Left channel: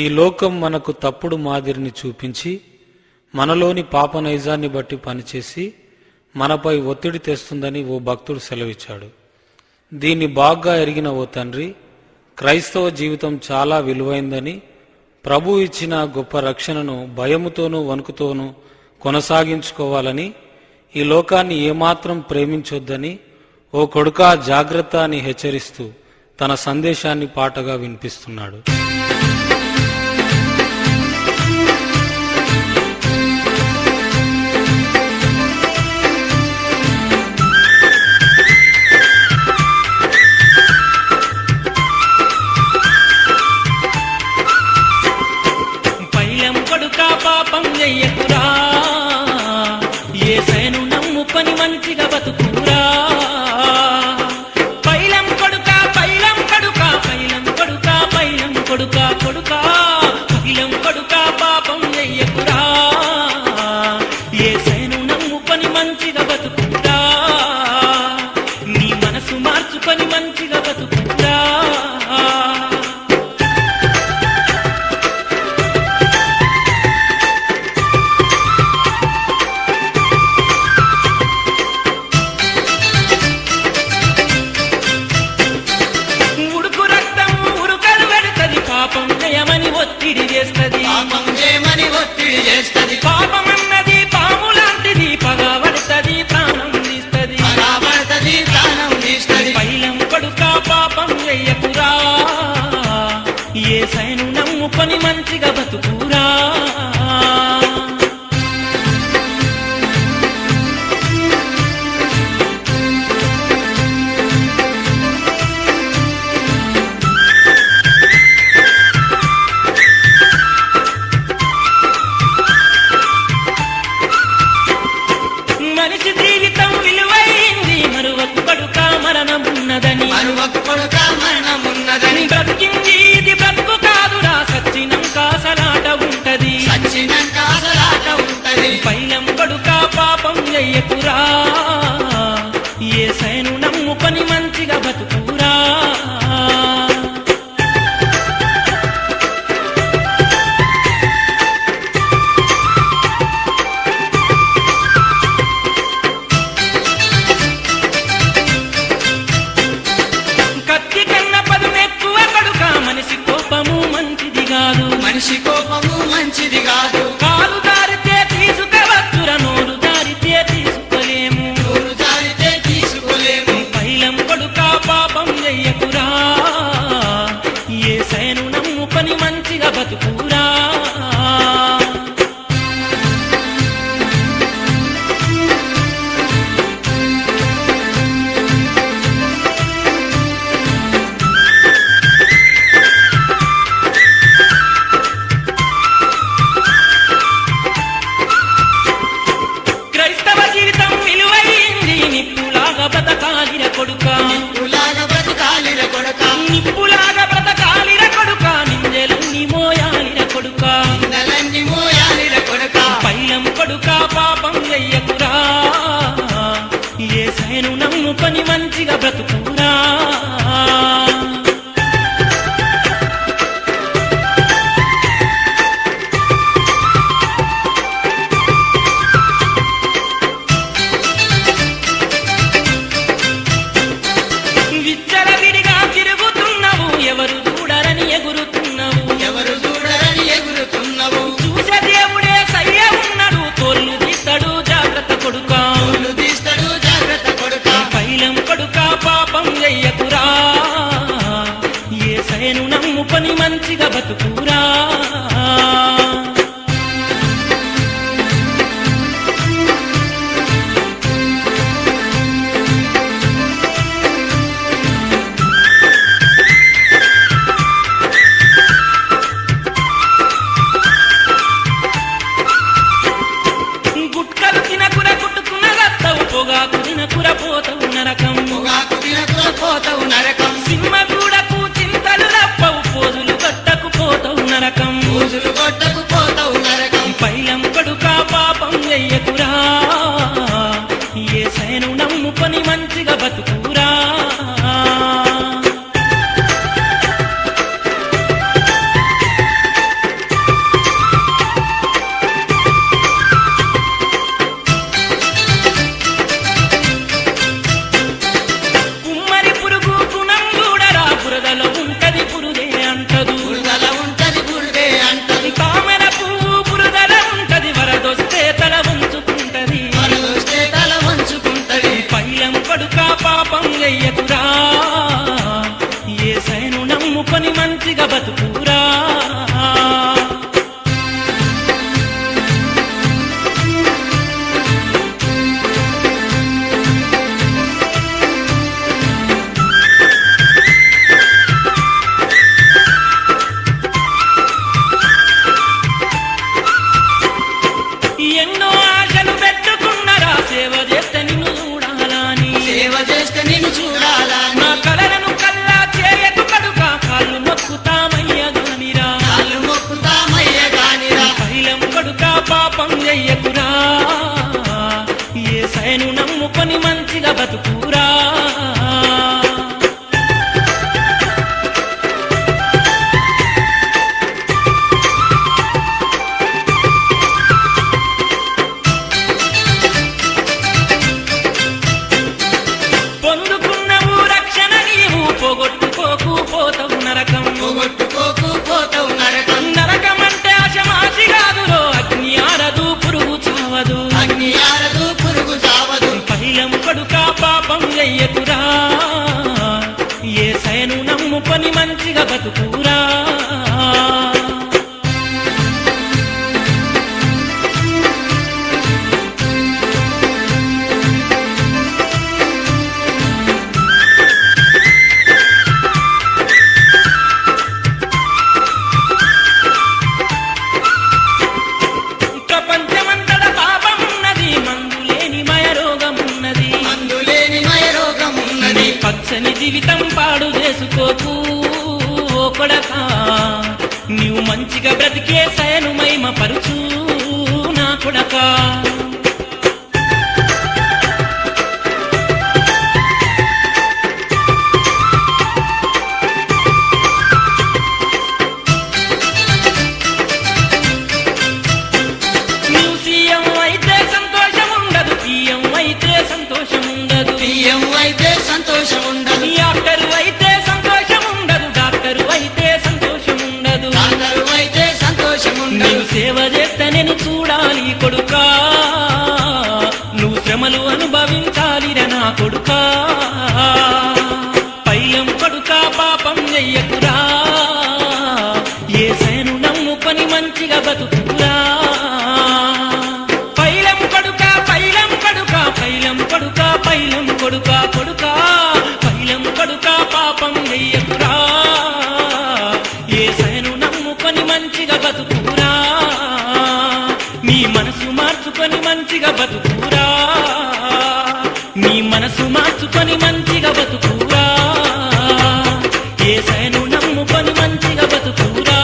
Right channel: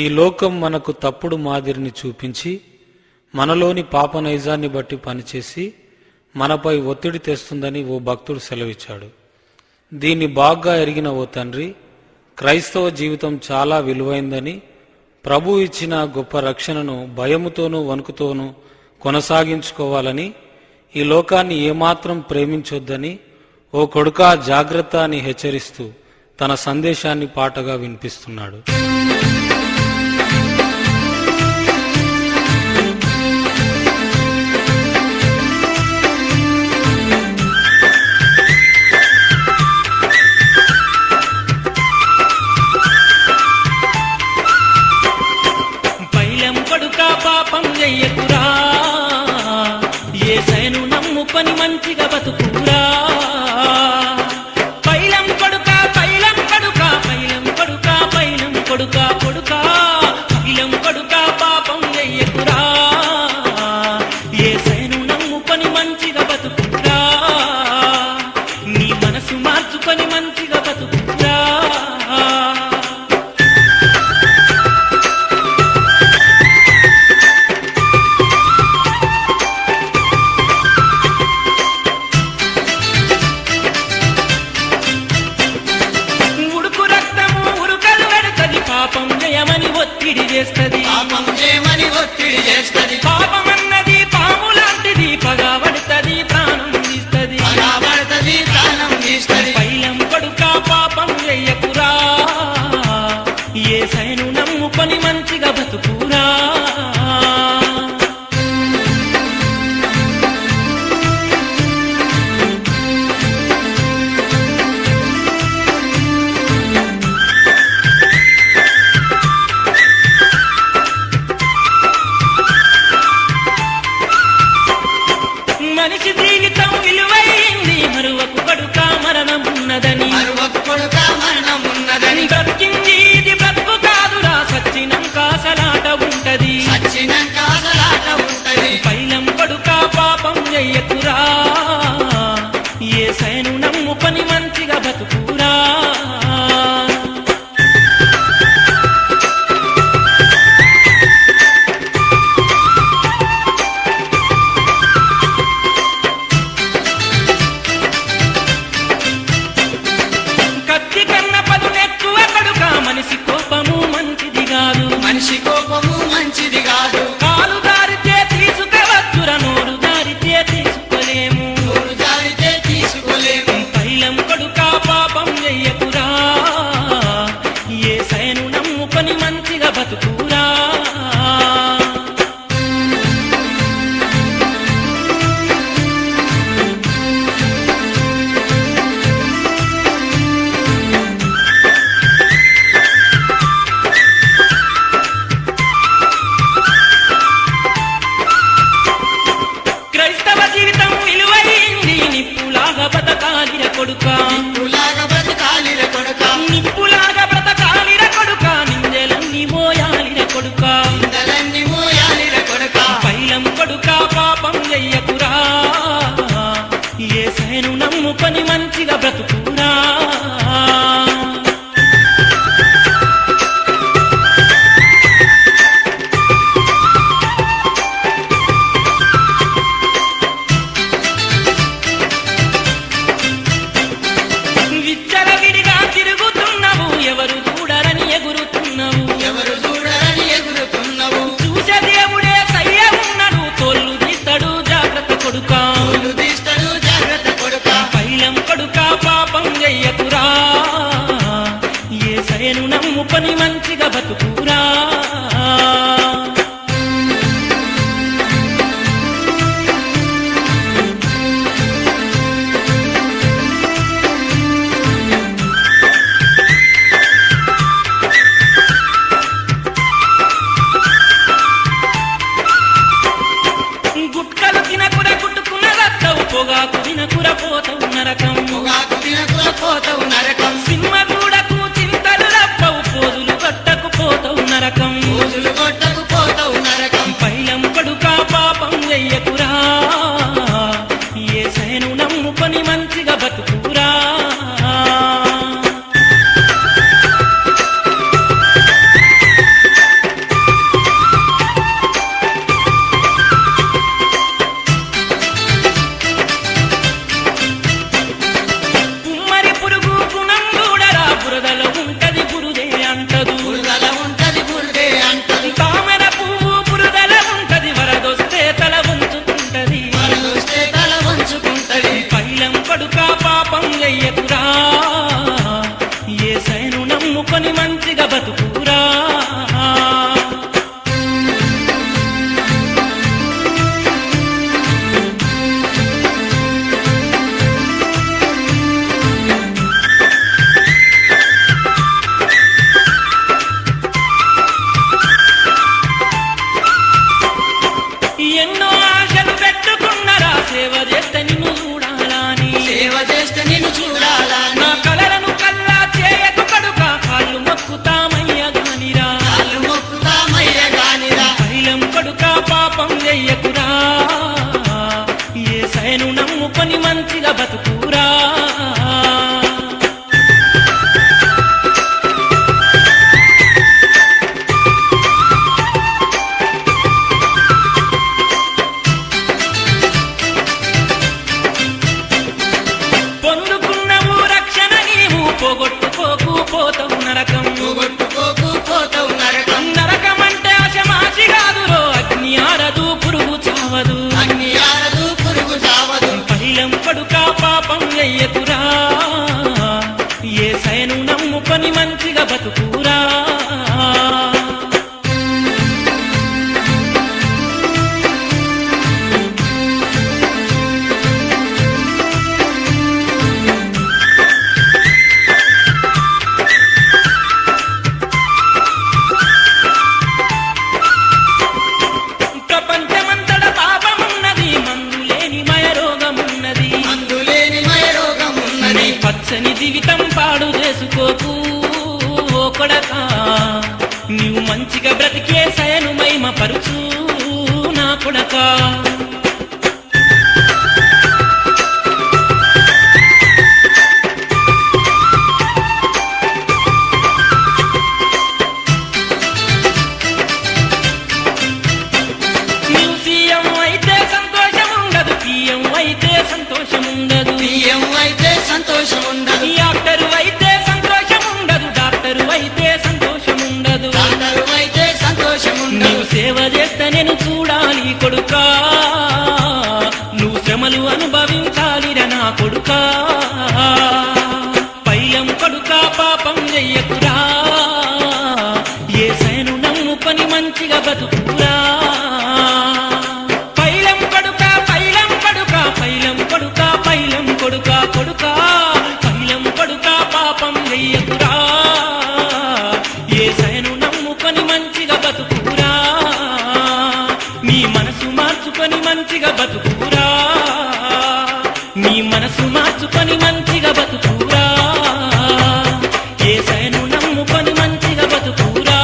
ఈ లోకం మనకు తప్పుడు మాదిరిని చూపించి మనలోని పాప నైజాన్ని బట్టి పనిచేసి మనపై ఒత్తిడి తెస్తుందని ఓ భక్తుడు సెలవిచ్చాడు. దీన్ని బాగా ఎరిగిన ఓ తండ్రి క్రైస్తవ జీవితం చాలా విలువైందని, ప్రభు ఇచ్చిన గొప్ప రక్షణను భయముతోనూ వణుకుతోనూ కొనసాగించుకోవాలని, ఈ లోకాన్ని ఏమాత్రం ప్రేమించొద్దని, ఓ కొడుకా జాగ్రత్త అని హెచ్చరిస్తూ తన సందేశాన్ని పాటగా వినిపిస్తున్నాడు. పైలం కొడుకా పాపం చెయ్యకురా, యేసయ్యను నమ్ముకొని మంచిగా బతుకురా. పైలం కొడుకా పైలం కొడుకా పైలం కొడుకా పైలం కొడుకా కొడుకా పైలం కొడుకా పాపం చెయ్యకురా, యేసయ్యను నమ్ముకొని మంచిగా బతుకురా. నీ మనసు మార్చుకొని మంచిగా బతుకురా. పాపం జయమని ఒత్తిడి చేస్తది, పాపమన్నది పాము లాంటిది, పగబడుతుంది ప్రాణం తీస్తది. పైలం కొడుకా పాపం చెయ్యకురా, యేసయ్యను నమ్ముకొని మంచిగా బతుకురా. మనిషి జీవితం విలువైంది, మరువకు కొడుకా మరణమున్నదని. బ్రతికింది ఇది బ్రతుకు కాదురా, సచ్చినంక సలాట ఉంటది. పైలం కొడుకా పాపం చెయ్యకురా, యేసయ్యను నమ్ముకొని మంచిగా బతుకురా. మనిషి కోపము మంచిది కాదు, మనిషి కోపము మంచిది కాదు. కాలు దారితే తీసుకవచ్చురా, నోరు దారితే తీసుకోలేము. పైలం కొడుకా పాపం చెయ్యకురా, యేసయ్యను నమ్ముకొని మంచిగా బతుకురా. క్రైస్తవ జీవితం విలువైంది, నిప్పులాగా బతకాలిర కొడుకా, నిప్పులాగా బ్రతకాలిర కొడుకా, నిందెలన్నీ మోయాలిర కొడుకా. పైలం కొడుకా పాపం చెయ్యకురా, యేసయ్యను నమ్ముకొని మంచిగా బ్రతుకురా. విచ్చలవిడిగా తిరుగుతున్నావు, ఎవరు చూడరని ఎగురుతున్నావు. చూసే దేవుడే సయ్య ఉన్నాడు, తోళ్ళు తీస్తాడు జాగ్రత్త కొడుకా. పైలం కొడుకా పాపం చెయ్యకురా, యేసయ్యను నమ్ముకొని మంచిగా బతుకురా. గుట్కలు తినకుర గుట్టుకున్న రత్తవు, పొగాకు తినకుర పోతవు నరకం. సింహ దూడకు చింతలు రప్పవు, పోజులు గట్టకు పోతవు నరకం. పైలం కొడుకా పాపం చెయ్యకురా, యేసయ్యను నమ్ముకొని మంచిగా బతుకురా. బురదల ఉంటది బురుదే అంటదు బురదల ఉంటది బురదే అంటది తామర పువ్వు బురదల ఉంటది వరదొస్తే తల వంచుకుంటది వరదొస్తే తల వంచుకుంటది పైలం కొడుక పాపం చెయ్యకురా యేసయ్యను నమ్ముకొని మంచిగా బతుకురా ఎన్నో ఆశలు పెట్టుకున్నరా సేవ చేస్తే నిన్ను చూడాలని సేవ చేస్తే నిన్ను చూడాలని నా కలలను కల్లా చేయకు కడుక కాళ్ళు మొక్కుతామయ్యగానిరా కాళ్ళు మొక్కుతామయ్యే గానిరా పైలం కొడుక పాపం చెయ్యకురా యేసయ్యను నమ్ముకొని మంచిగా బతుకురా పొందుకున్నవు రక్షణ నీవు పోగొట్టుకోకు పోతవు నరకం పోగొట్టుకోకు పోతావు నరకం నరకమంటే ఆశమాసి కాదురో అగ్ని ఆరదు పురుగు చావదు అగ్ని ఆరదు పురుగు చావదు పైలం కొడుక పాపం చెయ్యకురా యేసయ్యను నమ్ముకొని మంచిగా బతుకురా ప్రపంచమంతట పాపమున్నది మందులేని మయరోగమున్నది అందులేని మయరోగమున్నది నీ పచ్చని జీవితం పాడు చేసుకోకు ఓ కొడకా నీవు మంచిగా బ్రతికే సయను మహిమ పరుచు నా కొడకా నీవు సీఎం అయితే సంతోషం ఉండదు పిఎం అయితే సంతోషం ఉండదు బియ్యం అయితే సంతోషం ఉండదు యాక్టరు అయితే సంతోషం ఉండదు డాక్టరు అయితే సంతోషం ఉండదు డాక్టరు అయితే సంతోషం ఉండదు నీవు సేవ చేస్తే నేను చూడాలి కొడుకా నువ్వు శ్రమలు అనుభవించాలిరా నా కొడుకా పైలం కొడుక పాపం చెయ్యకురా యేసయ్యను నమ్ముకొని మంచిగా బతుకురా పైలం కొడుక పైలం కొడుక పైలం కొడుక పైలం కొడుక కొడుకా పైలం కొడుక పాపం చెయ్యకురా యేసయ్యను నమ్ముకొని మంచిగా బతుకురా నీ మనసు మార్చుకొని మంచిగా బతుకురా నీ మనసు మార్చుకొని మంచిగా బతుకురా యేసయ్యను నమ్ముకొని మంచిగా బతుకురా